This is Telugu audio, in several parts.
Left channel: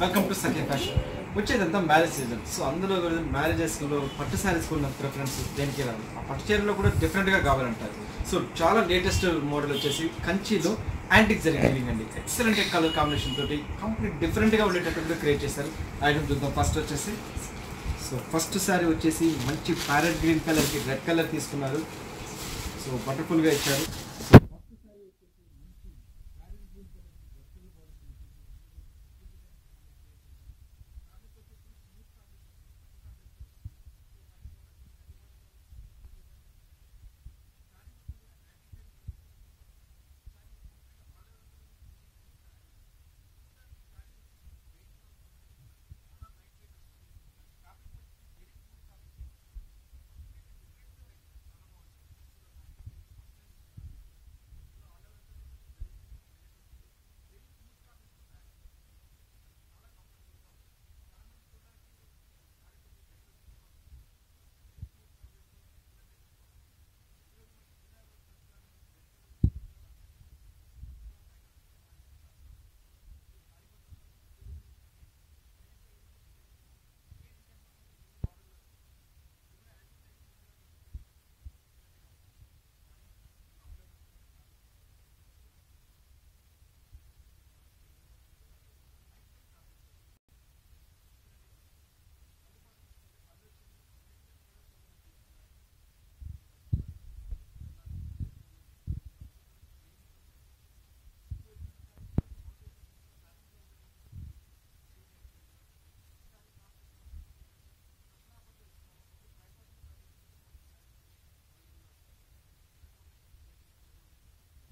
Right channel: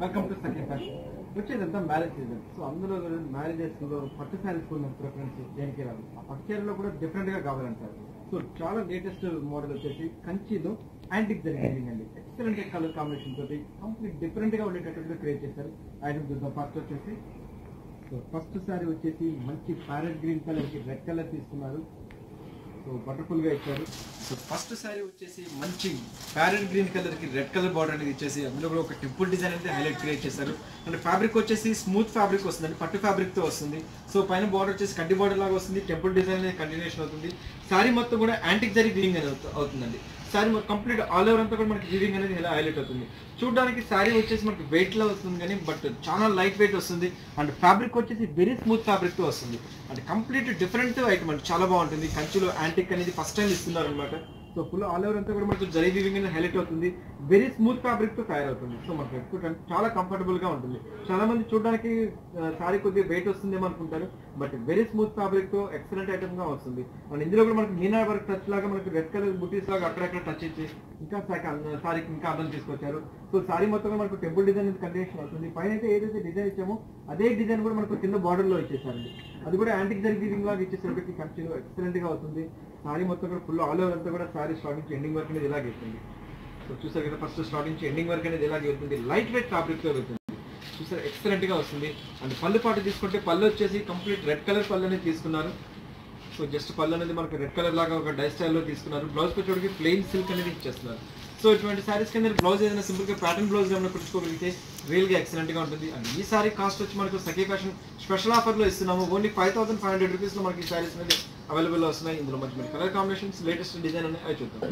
Welcome to Sakhi fashion. వచ్చేదంతా మ్యారేజ్ సీజన్. సో అందులో కూడా మ్యారేజెస్లో పట్టు శారీస్కి ఉన్న ప్రిఫరెన్స్ దేనికి రాదు. ఆ పట్టు చీరలో కూడా డిఫరెంట్గా కావాలంటారు. సో చాలా లేటెస్ట్ మోడల్ వచ్చేసి కంచిలో యాంటిక్ జరీ వీవింగ్ అండి. ఎక్సలెంట్ కలర్ కాంబినేషన్ తోటి కంప్లీట్ డిఫరెంట్గా ఉండేటట్టుగా క్రియేట్ చేశారు. ఐటమ్ చూద్దాం. ఫస్ట్ శారీ వచ్చేసి మంచి ప్యారెట్ గ్రీన్ కలర్కి రెడ్ కలర్ తీసుకున్నారు. సో బటర్ఫుల్గా ఇచ్చారు. సో ఫస్ట్ శారీ వచ్చేసి మంచి ప్యారెట్ గ్రీన్ కలర్కి రెడ్ కలర్ బార్డర్ అనేది ఇచ్చేసి అందులో కూడా ఒక టెంపుల్ డిజైన్ అయితే హైలైట్ క్రియేట్ చేశారు. అండ్ ఫ్యాబ్రిక్ వచ్చేసి స్మూత్ ఫ్యాబ్రిక్ వస్తుంది, అంటే పట్టు ఫ్యాబ్రిక్తో వస్తుంది. సో పైన బార్డర్ వచ్చేసి కడ్డీ బార్డర్ లాగా వస్తుంది, టెంపుల్ డిజైన్ అనేది కంటిన్యూషన్ అవుతుంది. శారీ మొత్తం కూడా యాంటిక్ జరీ వీవింగ్ అనేది అవుతుందండి. శారీ కంప్లీట్ ఆల్ ఓవర్ అంతా కూడా మనకి వీవింగ్ అనేది ఇలా హైలైట్ అవుతుంది. చూడడానికి శారీ వచ్చేసి మనకి వెయిట్లో వస్తుంది కానీ బట్ చాలా లైట్ వెయిట్ వస్తుంది. అండ్ ఫ్యాబ్రిక్ వచ్చేసి వెరీ స్మూత్ ఫ్యాబ్రిక్తో వస్తుంది. అంటే కంప్లీట్ డిఫరెంట్ ఐటమ్ అండి, చాలా బాగుంటుంది. కంచిలో యాంటిక్ అనేది ఫస్ట్ టైం ఇస్తున్నారు అనమాట. సో ఫుల్ ఆల్ ఓవర్ అంతా కూడా మనకు జరీ వీవింగ్ అనేది హైలైట్ అవుతుంది. వెరీ స్మూత్ ఫ్యాబ్రిక్తో తయారవుతుంది. సో మనకు ఎక్కువ చాలా కంఫర్టబుల్గా ఉంటుంది. చాలా మంది చూడడానికి శారీ కొద్దిగా వెయిట్ వస్తుందేమో అనుకుంటారు, బట్ వెరీ స్మూత్ ఫ్యాబ్రిక్తో ఎక్సలెంట్ ఐటమ్గా వస్తుంది. అండ్ ఇందులో కూడా మనకి మీనా వర్క్ టచ్ లాగా మనకి రెడ్ కలర్ బుటీస్ లాగా అక్కడక్కడ టచ్ ఇచ్చి ఇంకా శారీకి ఇంకా అందం తీసుకొచ్చారు. సో శారీ మొత్తంగా మనకు టెంపుల్ డిజైన్ కంటిన్యూషన్ అవుతుంది. పైన అయితే ఏదైతే డిజైన్ ఇచ్చామో అదే డిజైన్ కూడా మనకు కింద బార్డర్లో ఇచ్చేసారండి. అది కూడా యాంటిక్ జరీ వీవింగ్ లాగా ఇచ్చేసరికి కంటిన్యూ ఎక్సలెంట్గా అవుతుంది. శారీ మొత్తం కూడా ఫుల్ ఆల్ ఓవర్ అంతా కూడా శారీ స్టార్టింగ్ నుంచి ఎండింగ్ వర్క్ అనేది ఇలాగే వెళ్తుంది. సో చూసారు కదా, ఫస్ట్ స్టార్టింగ్ నుంచి ఎండింగ్ వర్క్ అనేది ఇలాగే వెళ్తుంది. లైట్ వెయిట్ ఫ్యాబ్రిక్తో వెళ్తుంది. చూసారు, ఎక్సలెంట్గా వస్తుంది. అండ్ పళ్ళు పాటు తీసుకుంటే పళ్ళు వచ్చేసి కంప్లీట్ రెడ్ కలర్ పళ్ళు అనేది తీసుకున్నారు. సో జస్ట్ పళ్ళు అనేది మనకు రెడ్ కలర్ లాగా ఒక డై స్టైల్లో తీసుకున్నారు. బ్లౌజ్ వచ్చేటికి ప్లెయిన్ సిల్క్ అనేది ఇచ్చేస్తున్నారు. సో ఇటువంటి శారీస్ కింద బ్లౌజ్ ఏదైనా సింపుల్గా ప్యాటర్న్ బ్లౌజ్ ఏమైనా కుట్టుకోగలిగితే రియల్గా ఎక్సలెంట్గా ఉంటుంది. అండ్ ఈ సారీ కాస్ట్ వచ్చి మనకు సఖీ ఫ్యాషన్ స్పెషల్ ఆఫర్లో ఇస్తున్నాము. ఓన్లీ 5500 రూపీస్లో మనకి ఈ శారీస్ అనేది అవైలబుల్లో వస్తున్నాయి. ఇందులో మంచి కలర్ కాంబినేషన్స్ లేటెస్ట్ డిజైన్ అనేది అవి చూద్దాం.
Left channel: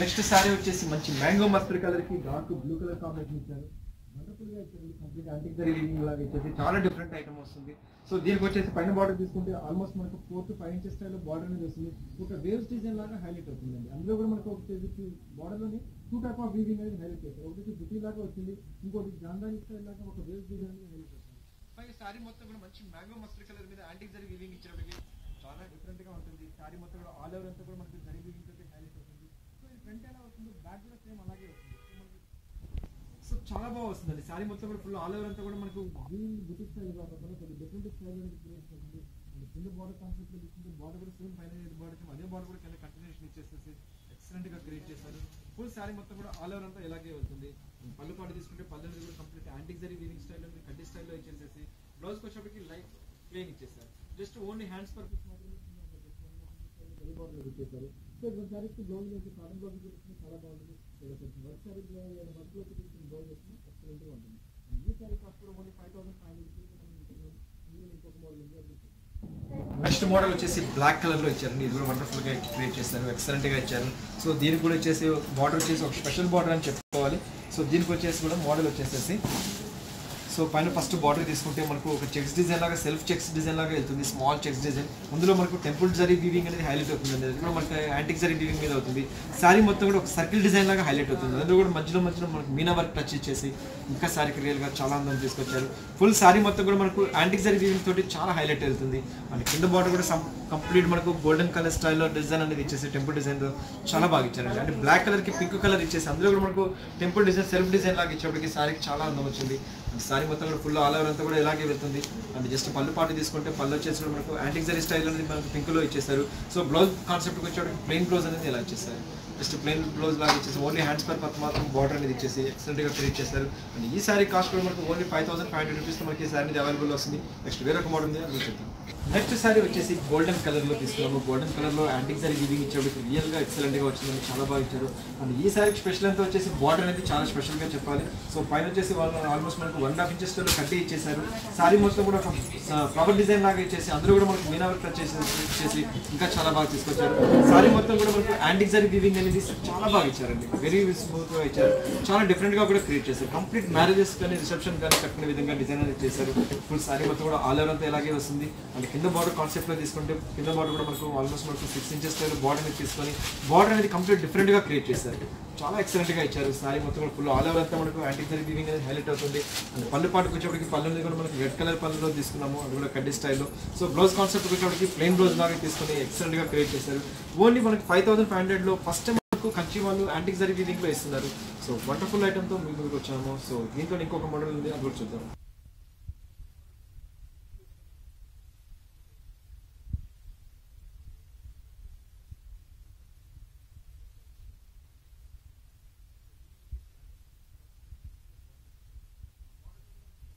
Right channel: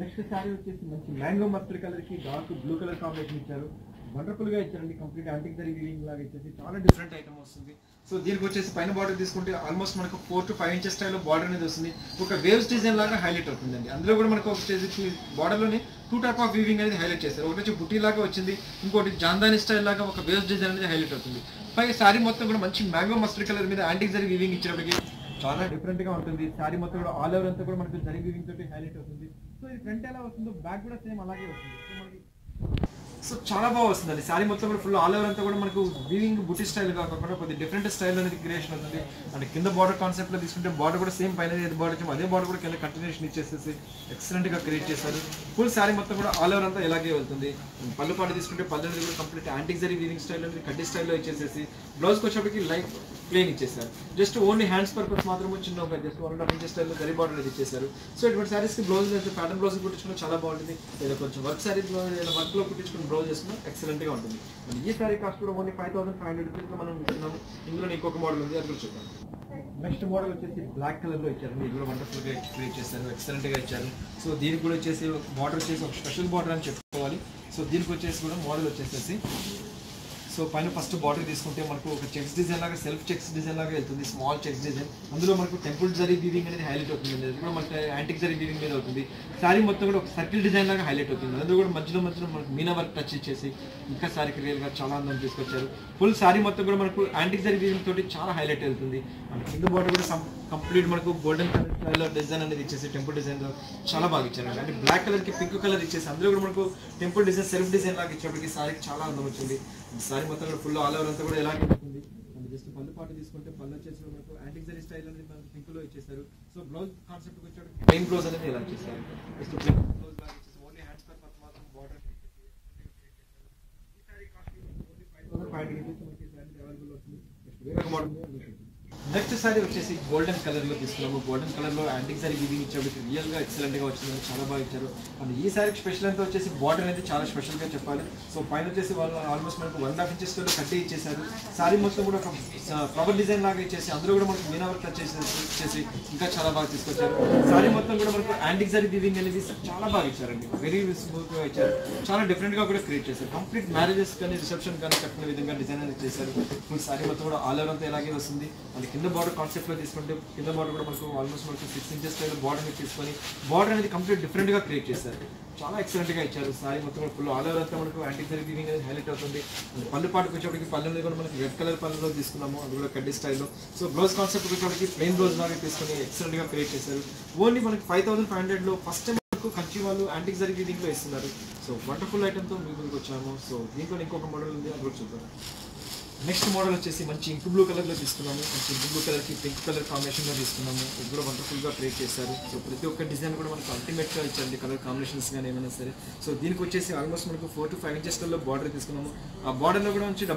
నెక్స్ట్ శారీ వచ్చేసి మంచి మ్యాంగో మస్టర్డ్ కలర్కి డార్క్ బ్లూ కలర్ కాంబినేషన్ ఇచ్చారు. వండర్ఫుల్గా ఇచ్చారండి. కంప్లీట్ యాంటిక్ జరీ వీవింగ్ లాగా ఇచ్చేసి చాలా డిఫరెంట్ ఐటమ్ వస్తుంది. సో దీనికి వచ్చేసి పైన బార్డర్ తీసుకుంటే ఆల్మోస్ట్ మనకు 4 to 5 ఇంచెస్ స్టైల్లో బార్డర్ అనేది వస్తుంది. ఒక వేవ్స్ డిజైన్ లాగా హైలైట్ అవుతుందండి. అందులో కూడా మనకు వచ్చేసి బార్డర్లోనే 2 టైప్ ఆఫ్ వీవింగ్ అనేది హైలైట్ చేస్తారు. ఒకటి వచ్చి బుటీ లాగా వచ్చింది, ఇంకోటి జాందాని స్టైల్ లాగా ఒక వేవ్స్ డిజైన్ అనేది హైలైట్ అవుతుంది. పైగా శారీ మొత్తం కూడా మంచి మ్యాంగో మస్టర్డ్ కలర్ మీద యాంటిక్ జరీ వీవింగ్ ఇచ్చినప్పటికీ చాలా డిఫరెంట్గా ఉంటుంది. శారీ మొత్తం కూడా ఆల్ ఓవర్ అంతా కూడా మనకు జరీ వీవింగ్ తోటి హైలైట్ అవుతుంది. సో ఇది ఫ్రంట్ ఎలా వస్తుందో బ్యాక్ కూడా సేమ్ అలాగే వస్తుంది. సో చాలా బాగా వస్తుందండి. శారీ మొత్తం కూడా ఫుల్ ఆల్ ఓవర్ అంతా కూడా మనకు వీవింగ్ బుటీ స్టైల్ కాకుండా కొద్దిగా డిఫరెంట్ స్టైల్ అనేది క్రియేషన్ అవుతుంది. అండ్ కింద బార్డర్ కాన్సెప్ట్లో తీసుకుంటే బార్డర్ కూడా సేమ్ పైన ఏది బార్డర్ వచ్చాము అదే బార్డర్ కూడా కింద కంటిన్యూషన్ ఇచ్చేసేసి ఎక్సలెంట్గా క్రియేట్ చేశారు. ఫుల్ శారీ మొత్తం కూడా ఆల్ ఓవర్ అంతా ఇలాగే వెళ్తుంది. పళ్ళు పాటు తీసుకుంటే పళ్ళు అనేది కూడా complete antique zari weaving style అనేది కడ్డీ స్టైల్లో ఇచ్చేసేసి బ్లౌజ్కి వచ్చేప్పటికి లైట్ ప్లేన్ ఇచ్చేసారు. జస్ట్ ఓన్లీ హ్యాండ్స్ పర్పస్ మాత్రమే చిన్న ఒక జస్ట్ 1.5 ఇంచెస్ స్టైల్లో జరీ బార్డర్ అనేది ఇచ్చేసారు. సో ఇటువంటి శారీస్కి బ్లౌజ్ అయితే ప్యాటర్న్ బ్లౌజ్ కుట్టించుకుని చాలా బాగుంటుంది. లేదా కొంచెం వర్క్ శారీ లేదా వర్క్లో కుట్టించుకుని బ్లౌజ్ చేసుకుని ఎక్సలెంట్గా ఉంటుంది. ఈ శారీ కాస్ట్ కూడా ఓన్లీ 5500 రూపీస్లో మనం ఇస్తున్నాము. ఇందులో ఇంకొక మోడల్ ఉంది, అది కూడా చూద్దాం. నెక్స్ట్ మోడల్ వచ్చేసి బ్లాక్ కలర్లో ఇచ్చారండి. ఇది కూడా వండర్ఫుల్గా క్రియేట్ చేశారు, ఎక్సలెంట్గా ఇచ్చారు. సో దీనికి కూడా వచ్చేసి బార్డర్ వచ్చేసి ఒక స్పెషల్ బార్డర్ అని చెప్పుకోవాలి. సో దీనికి వచ్చేసి కూడా మోడల్ వచ్చేసేసి సో పైన ఫస్ట్ బార్డర్ తీసుకుంటే మనకు ఒక చెక్స్ డిజైన్ లాగా సెల్ఫ్ చెక్స్ డిజైన్ లాగా వెళ్తుంది. స్మాల్ చెక్స్ డిజైన్, అందులో మనకు టెంపుల్ జరీ వీవింగ్ అనేది హైలైట్ అవుతుంది. అది కూడా మనకి యాంటిక్ జరీ వీవింగ్ మీద అవుతుంది. శారీ మొత్తం కూడా ఒక సర్కిల్ డిజైన్ లాగా హైలైట్ అవుతుంది. అందులో కూడా మధ్యలో మనకు మీనా వర్క్ టచ్ ఇచ్చేసి ఇంకా శారీకి రియల్గా చాలా అందం తీసుకొచ్చారు. ఫుల్ శారీ మొత్తం కూడా మనకు యాంటిక్ జరీ వీవింగ్ తోటి చాలా హైలైట్ వెళ్తుంది. అండ్ కింద బార్డర్ కూడా కంప్లీట్ మనకు గోల్డెన్ కలర్ స్టైల్లో డిజైన్ అనేది ఇచ్చేసి టెంపుల్ డిజైన్తో చాలా బాగా ఇచ్చారండి. అంటే బ్లాక్ కలర్కి పింక్ కలర్ ఇచ్చేసి అందులో కూడా మనకు టెంపుల్ డిజైన్ సెల్ఫ్ డిజైన్ లాగా ఇచ్చేప్పటికి శారీకి చాలా అందం వచ్చింది. శారీ మొత్తం కూడా ఫుల్ ఆల్ ఓవర్ అంతా కూడా ఇలాగే వెళ్తుంది. అండ్ జస్ట్ పళ్ళు పాటు తీసుకుంటే పళ్ళు వచ్చేసి మనకు యాంటిక్ జరీ స్టైల్ అనేది మనకు పింక్లో ఇచ్చేసారు. సో బ్లౌజ్ కాన్సెప్ట్కి వచ్చేటప్పుడు ప్లెయిన్ బ్లౌజ్ అనేది ఇలా ఇచ్చేసారు. జస్ట్ ప్లెయిన్ బ్లౌజ్ లాగా ఇచ్చేసి ఓన్లీ హ్యాండ్స్ పర్పస్ మాత్రం బార్డర్ అనేది ఇచ్చేసి ఎక్సలెంట్గా క్రియేట్ చేశారు. అండ్ ఈ శారీ కాస్ట్ కూడా మనకు ఓన్లీ 5500 రూపీస్లో మనకి ఈ శారీ అనేది అవైలబుల్ వస్తుంది. నెక్స్ట్ వేరొక మోడల్ ఉంది, అది చూద్దాం. నెక్స్ట్ శారీ వచ్చేసి గోల్డెన్ కలర్లో తీసుకున్నాము. గోల్డెన్ కలర్లో యాంటిక్ జరీ వీవింగ్ ఇచ్చేప్పటికి రియల్గా ఎక్సలెంట్గా వచ్చిందని చాలా బాగా ఇచ్చారు. అండ్ ఈ శారీకి స్పెషల్ అంతా వచ్చేసి బార్డర్ అనేది చాలా స్పెషల్గా చెప్పాలి. సో పైన వచ్చేసి వాళ్ళు ఆల్మోస్ట్ మనకు 1.5 ఇంచెస్ కట్టి ఇచ్చేసారు. శారీ మొత్తం కూడా ఒక ఫ్లవర్ డిజైన్ లాగా ఇచ్చేసి అందులో కూడా మనకు మీనా వర్క్ టచ్ ఇచ్చేసి ఇంకా చాలా బాగా తీసుకొచ్చారు. శారీ మొత్తం కూడా మనకు యాంటిక్ జరీ వీవింగ్ అనేది చాలా బాగా ఇచ్చారండి. వెరీ స్మూత్గా ఇచ్చారు. చాలా డిఫరెంట్గా కూడా క్రియేట్ చేశారు. కంప్లీట్ మ్యారేజెస్ కానీ రిసెప్షన్ కానీ కట్టిన విధంగా డిజైన్ అనేది చేశారు. ఫుల్ శారీ మొత్తం కూడా ఆల్ ఓవర్ అంతా ఇలాగే వస్తుంది. అండ్ కింద బార్డర్ కాన్సెప్ట్లో తీసుకుంటే కింద బార్డర్ కూడా మనకు ఆల్మోస్ట్ మనకు 6 ఇంచెస్ బార్డర్ అనేది తీసుకొని బార్డర్ అనేది కంప్లీట్ డిఫరెంట్గా క్రియేట్ చేశారు. చాలా ఎక్సలెంట్గా ఇచ్చారు. శారీ మొత్తం కూడా ఫుల్ ఆల్ ఓవర్ అంతా మనకు యాంటిక్ జరీ వీవింగ్ అనేది హైలైట్ అవుతుంది. అండ్ పళ్ళు పాటుకు వచ్చేప్పటికి పళ్ళు అనేది కూడా మనకు రెడ్ కలర్ పళ్ళులో తీసుకున్నాము, అది కూడా కడ్డీ స్టైల్లో. సో బ్లౌజ్ కాన్సెప్ట్ వచ్చేప్పటికి ప్లెయిన్ బ్లౌజ్ లాగా తీసుకొని ఎక్సలెంట్గా క్రియేట్ చేశారు. ఓన్లీ మనకి 5500లో ఫస్ట్ టైం మనకు కంచి వాళ్ళు యాంటిక్ జరీ వీవింగ్లో ఇస్తున్నారు. సో వండర్ఫుల్ ఐటమ్తో మీ ముందుకు వచ్చాము. సో దీంట్లో ఇంకొక మోడల్ ఉంది, అది కూడా చూద్దాం. నెక్స్ట్ మోడల్ వచ్చేసి మంచి ఇంక్ బ్లూ కలర్లో తీసుకున్నాము. మంచి ఇంక్ బ్లూ కలర్కి పింక్ కలర్ కాంబినేషన్లో తీసుకున్నాము. ఇది కూడా వండర్ఫుల్గా క్రియేట్ చేశారు. సో ప్రతి ఒక్క డిజైన్ కూడా మనకు అల్టిమేట్గా ఇచ్చారండి, కలర్ కాంబినేషన్స్ కానీ ఏమైనా సరే. సో దీనికి వచ్చేసి ఆల్మోస్ట్ మనకు 4 to 5 ఇంచెస్లలో బార్డర్ తీసుకున్నాము. ఆ బార్డర్లో కూడా వచ్చి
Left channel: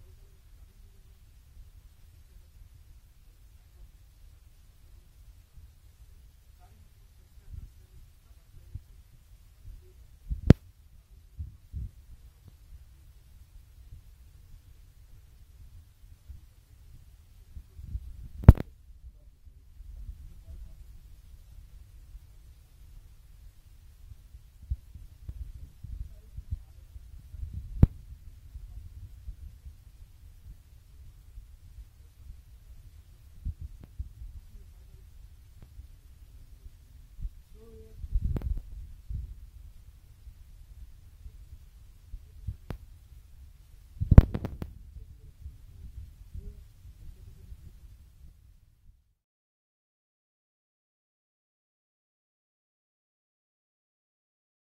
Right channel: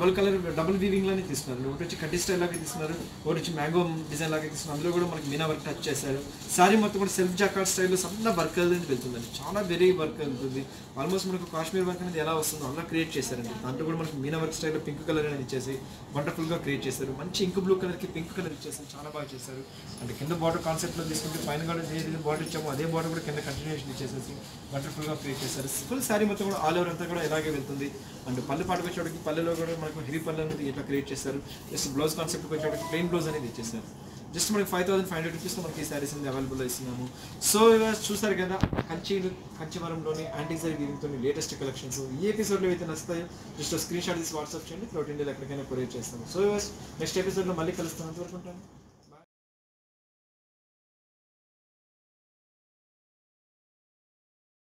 డబుల్ వీవింగ్లోనే తీసుకున్నారు. ఒకటి వచ్చి కడ్డీ స్టైల్ లాగా తీసుకున్నారు, ఒకటి వచ్చి మ్యాంగో డిజైన్ లాగా తీసుకున్నారు. అందులో కూడా మనకి మీనా వర్క్ టచ్ చేశారు. సారీ మొత్తం కూడా సెల్ఫ్ జాకార్డ్ స్టైల్లో సన్న వర్క్ అనేది వెళ్తుందండి, చాలా వెరీ వర్క్ వెళ్తుంది. ఆల్మోస్ట్ మనకు కాశ్మీర్ వర్క్ అనేది ఎలా వస్తుందో అలా క్రియేట్ చేశారండి. దాంట్లో కూడా మనకి మీనా వర్క్ స్టైల్లో పింక్ కలర్ అనేది ఇచ్చేసి వండర్ఫుల్గా క్రియేట్ చేశారు. మంచి ఇంక్ బ్లూ కలర్కి పింక్ కలర్ ఇచ్చేసి చాలా బాగా చేశారు. అంటే కింద బార్డర్ కాన్సెప్ట్లో తీసుకుంటే పైన కూడా ఏదైతే బార్డర్ ఇచ్చామో అదే బార్డర్ కూడా కింద కంటిన్యూషన్ ఇచ్చేసేసి వండర్ఫుల్గా క్రియేట్ చేశారు. ఫుల్ శారీ మొత్తం కూడా ఆల్ ఓవర్ అంతా కూడా ఇలాగే వెళ్తుంది. అండ్ పళ్ళు పాటుకు వచ్చేటికి పళ్ళలో కూడా మనకు హెవీ పళ్ళు అనేది ఇట్లా క్రియేట్ చేశారు. జస్ట్ బ్లౌజ్ కాన్సెప్ట్కి వచ్చేటికి ప్లెయిన్ బ్లౌజ్ అనేది ఇచ్చేసారు. జస్ట్ మనకి 5,500 రూపీస్లో మనకి ఈ శారీస్ అనేది అవైలబుల్లో ఇస్తున్నాము. సో చూసారు కదా కంచివరంలోని యాంటిక్ జరీ వీవింగ్తో లేటెస్ట్ కలెక్షన్స్. ఈ ఎపిసోడ్లో అయితే నచ్చుతాయో జస్ట్ స్క్రీన్ షాట్ తీసి వాట్సాప్ చేయండి, త్రూఅవుట్ ఇండియాలో ఎక్కడికైనా కొరియర్ చేస్తాము. సో నెక్స్ట్ ఎపిసోడ్లో మళ్ళీ కలుస్తాను, అంతవరకు ఉంటాను.